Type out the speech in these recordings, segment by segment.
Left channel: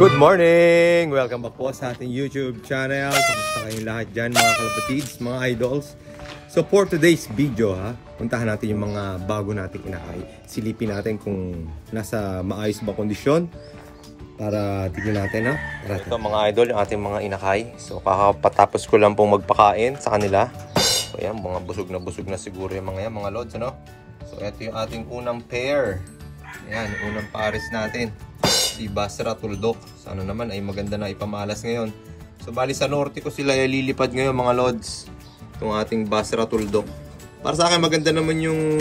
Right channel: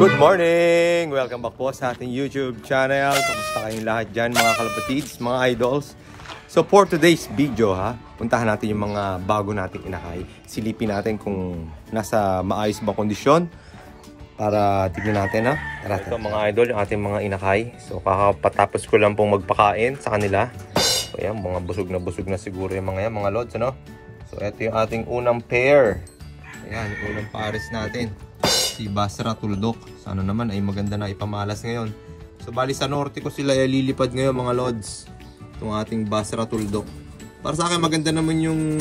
Good morning! Welcome back po sa ating YouTube channel. Kamusta kayong lahat dyan mga kalapatids, mga idols? So for today's video puntahan natin yung mga bago nating inakay. Silipin natin kung nasa maayos ba kondisyon para tignan natin Ito mga idol, yung ating mga inakay. So kakapatapos ko lang pong magpakain sa kanila. So yan, mga busog na siguro yung mga yan, mga lods, ano? So ito yung ating unang pair. Ayan, yung unang pares natin. Si Basra Tuldok. Sana naman ay maganda na ipamalas ngayon. So bali sa norte ko sila lilipad ngayon mga lods. Itong ating Basra Tuldok. Para sa akin maganda naman yung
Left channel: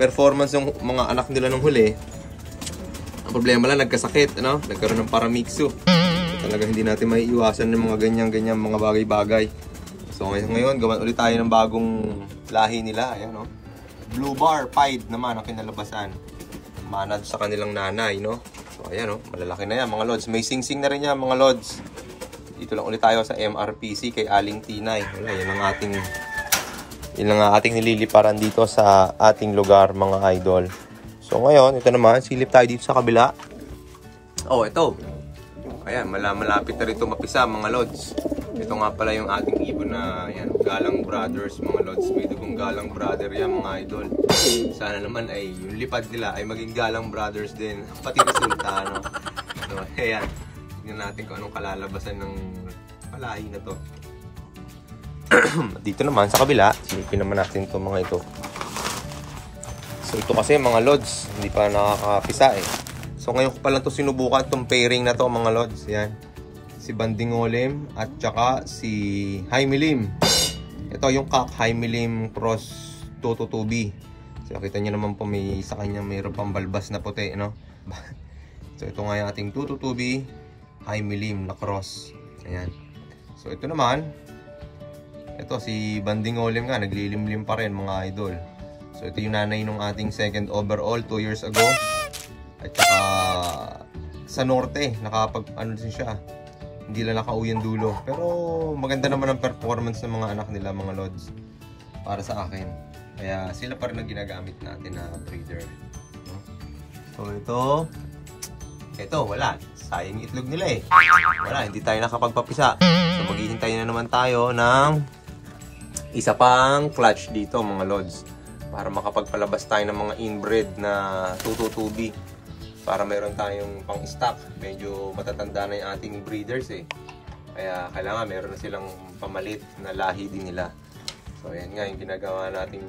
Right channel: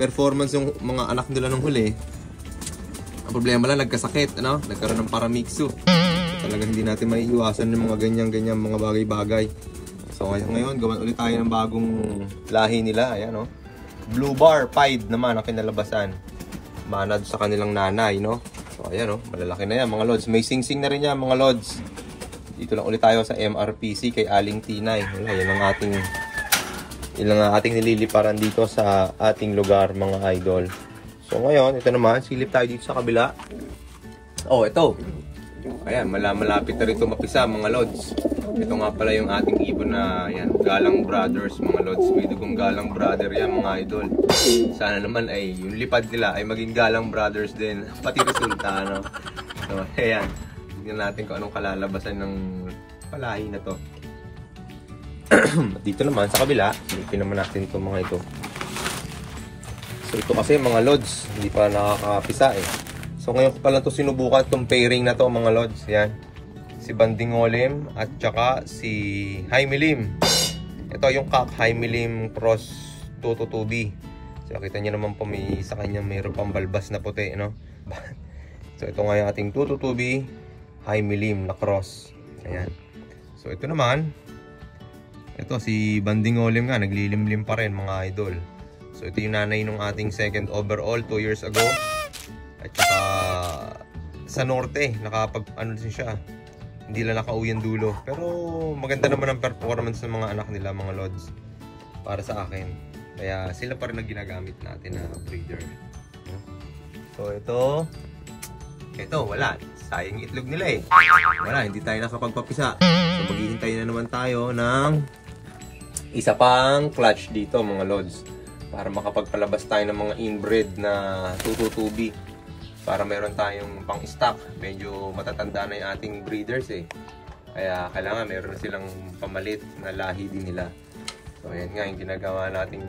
performance ng mga anak nila nung huli. Ang problema lang nagkasakit, nagkaroon ng paramixo. So, talagang hindi natin maiiwasan ng mga ganyan mga bagay-bagay. So ngayon gawan ulit tayo ng bagong lahi nila. Ayan, Blue Bar Pied naman ang kinalabasan. Manad sa kanilang nanay, So ayan, malalaki na yan mga lods. May sing-sing na rin yan mga lods. Dito lang ulit tayo sa MRPC kay Aling Tinay. Wala, yan ang ating nililiparan dito sa ating lugar mga idol. So ngayon, ito naman, silip tayo dito sa kabila. Oh, ito. Ayan, malapit na rito mapisa mga lods. Ito nga pala yung ating ibon na yan, Galang Brothers mga lods. May dugong Galang Brother yan mga idol. Sana naman ay yung lipad nila ay maging Galang Brothers din. Pati resulta, So ayan, tignan natin kung anong kalalabasan ng palahi na to. Dito naman sa kabila, silipin naman natin itong mga ito. So ito kasi mga lods, hindi pa nakakapisa So ngayon ko pa lang ito sinubukan itong pairing na to mga lods. Yan. Si Banding Olim at saka si Jaime Lim. Ito yung Cock Jaime Lim Cross 222B. So kita nyo naman po may sa kanya mayroon pang balbas na puti, So ito nga yung ating 222B Jaime Lim na cross. Ayan. So ito naman, ito si Banding Olim nga, naglilimlim pa rin mga idol. So ito yung nanay ng ating second overall 2 years ago. At saka sa norte, din siya. Hindi lang nakauwi ang dulo. Pero maganda naman ang performance ng mga anak nila mga lods. Para sa akin. Kaya sila pa rin ang ginagamit natin na breeder. So ito wala. Sayang itlog nila Wala, hindi tayo nakapagpapisa. So maghihintay na naman tayo ng isa pang clutch dito mga lods. Para makapagpalabas tayo ng mga inbred na 222B. Para mayroon tayong pang stock. Medyo matatanda na yung ating breeders Kaya kailangan mayroon silang pamalit na lahi din nila. So ayan nga yung ginagawa nating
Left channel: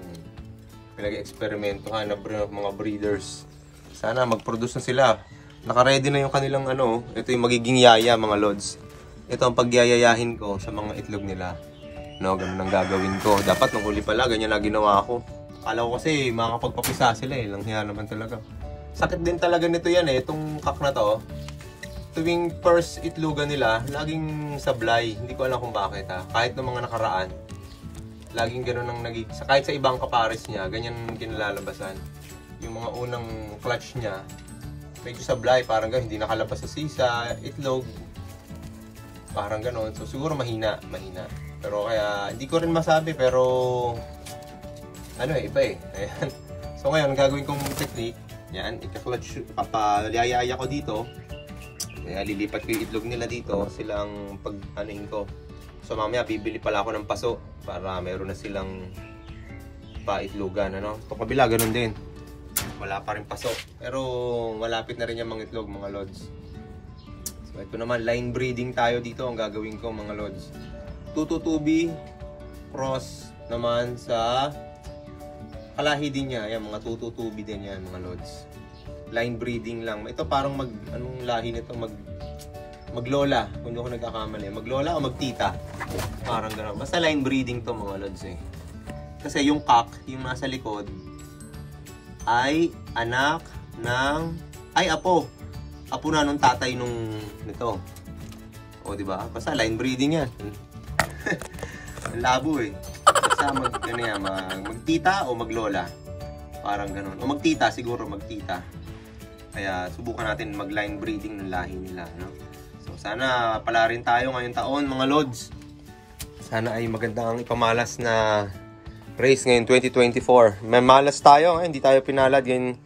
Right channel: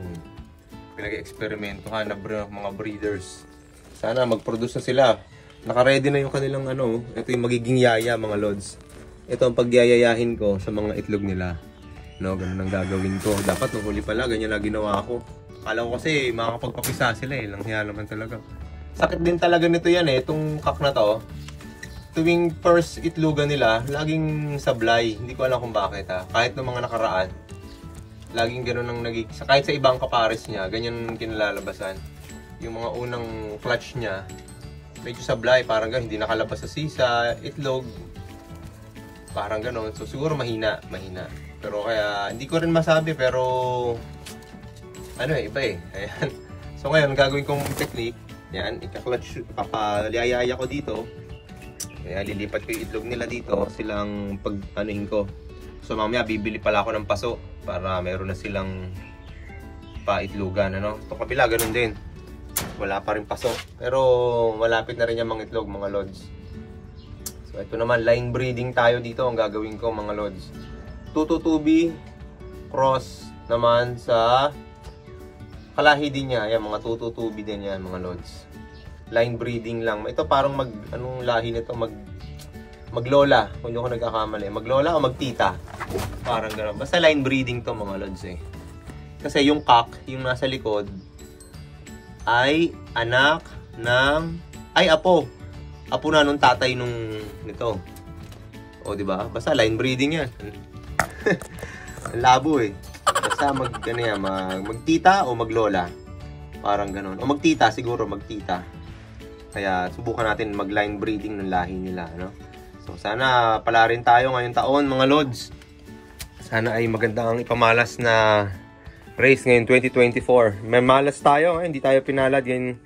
pinag-eksperimentohan na mga breeders. Sana mag-produce na sila. Naka-ready na yung kanilang ito yung magiging yaya mga lods. Ito ang pagyayayahin ko sa mga itlog nila. Ganun ang gagawin ko. Dapat nung huli pala ganyan na ginawa ko. Akala ko kasi makakapagpapisa sila Langhiya naman talaga. Sakit din talaga nito yan itong cock na to. Tuwing first itlogan nila, laging sablay. Hindi ko alam kung bakit Kahit ng mga nakaraan, laging ganun ang kahit sa ibang kapares niya, ganyan kinalalabasan. Yung mga unang clutch niya, medyo sablay, parang ganun, hindi nakalabas sa sisa, itlog. Parang ganun. So siguro mahina. Pero kaya, hindi ko rin masabi, pero iba Ayan. So ngayon, gagawin kong technique. Yan, ika-clutch, papalayaya ko dito. Ayan, lilipat ko yung itlog nila dito. Silang pag-anuhin ko. So mamaya, bibili pala ako ng paso para meron na silang paitlogan, Ito kabila, ganun din. Wala pa rin paso. Pero malapit na rin yung mga itlog, mga lods. So ito naman, line breeding tayo dito. Ang gagawin ko, mga lods. 222B cross naman sa kalahi din niya. Ayan, mga 222B din yan, mga lods. Line breeding lang. Ito parang anong lahi nito? Maglola. Kung hindi ako nagkakamali. Maglola o magtita? Parang gano'n. Basta line breeding to mga lods Kasi yung cock, yung nasa likod, ay anak ng... apo. Apo na nung tatay nito. O, diba? Basta line breeding yan. Ang labo Basta magtita o maglola. Parang gano'n. O magtita, siguro magtita. Kaya subukan natin mag-line breeding ng lahi nila, So sana pala rin tayo ngayong taon mga lods. Sana ay maganda ang ipamalas na race ngayon 2024. May malas tayo, hindi tayo pinalad ngayon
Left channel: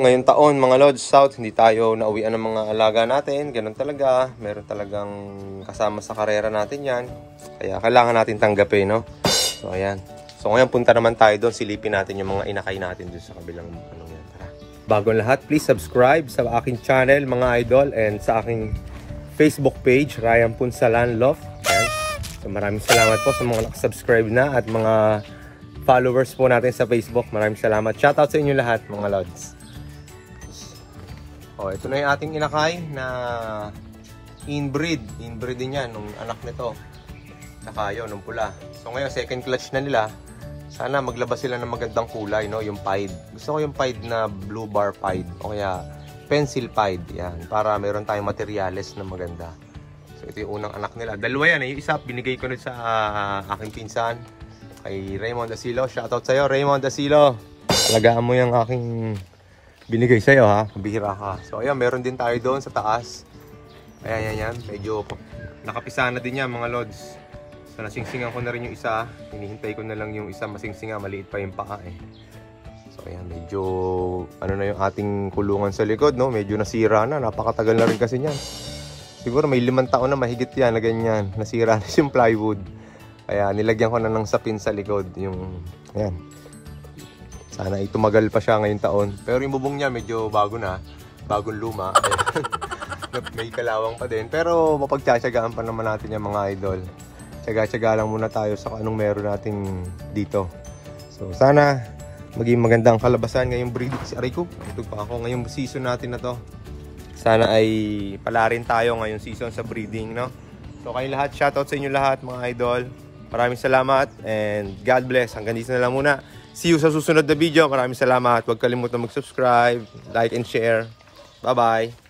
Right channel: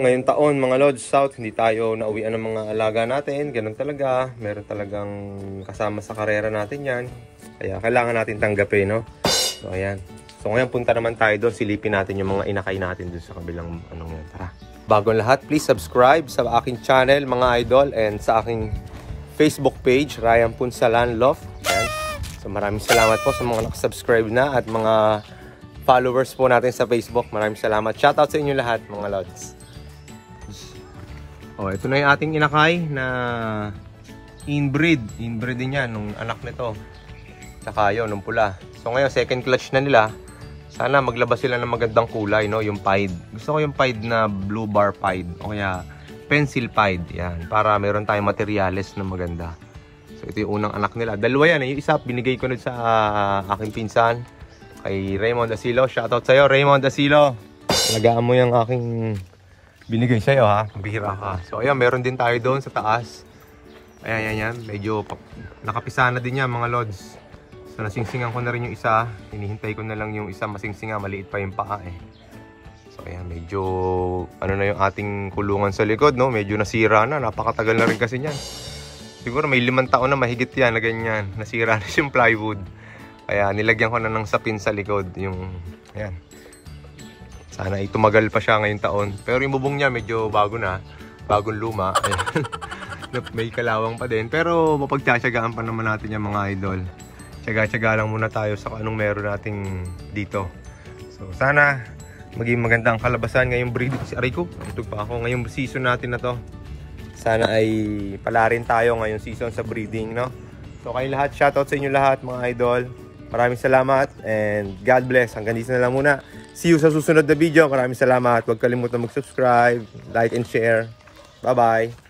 ngayong taon mga Lods South, hindi tayo nauwian ng mga alaga natin. Ganun talaga. Meron talagang kasama sa karera natin yan. Kaya kailangan natin tanggapin, no? So, ayan. So, ngayon punta naman tayo doon. Silipin natin yung mga inakay natin doon sa kabilang anong yan. Tara. Bago lahat, please subscribe sa aking channel, mga idol, and sa aking Facebook page, Ryan Punsalan Love. Ayan. So, maraming salamat po sa mga nakasubscribe na at mga followers po natin sa Facebook. Maraming salamat. Shoutout sa inyo lahat, mga Lods. Oh, ito na yung ating inakay na inbreed. Inbreed din yan, nung anak nito. Saka yun, nung pula. So ngayon, second clutch na nila. Sana maglabas sila ng magandang kulay, no? Yung pied. Gusto ko yung pied na blue bar pied. O kaya pencil pied. Yan. Para meron tayong materyales na maganda. So ito yung unang anak nila. Dalawa yan. Yung isa, binigay ko nun sa aking pinsan. Kay Raymond Asilo. Shoutout sa'yo, Raymond Asilo. Talagaan mo yung aking binigay sa'yo, ha. Bihira ka. So, ayan, meron din tayo doon sa taas. Ayan. Medyo nakapisa na din yan, mga Lods. So, nasingsingan ko na rin yung isa. Hinihintay ko na lang yung isa masingsinga. Maliit pa yung paa, eh. So, ayan, medyo ano na yung ating kulungan sa likod, no? Medyo nasira na. Napakatagal na rin kasi niyan. Siguro may 5 taon na mahigit yan na ganyan. Nasira na yung plywood. Kaya nilagyan ko na ng sapin sa likod yung, ayan. Sana ay tumagal pa siya ngayong taon. Pero yung bubong niya medyo bago na. Bagong luma. May kalawang pa din. Pero mapagtsatsagaan pa naman natin yung mga idol. Tsaga-tsaga lang muna tayo sa anong meron natin dito. So sana maging magandang kalabasan ngayong breeding. Aray ko, natutog pa ako. Ngayong season natin na to. Sana ay pala rin tayo ngayong season sa breeding, no? So kayong lahat, shoutout sa inyo lahat mga idol. Maraming salamat and God bless. Hanggang dito na lang muna. See you sa susunod na video. Maraming salamat. Huwag kalimutan mag-subscribe, like and share. Bye-bye.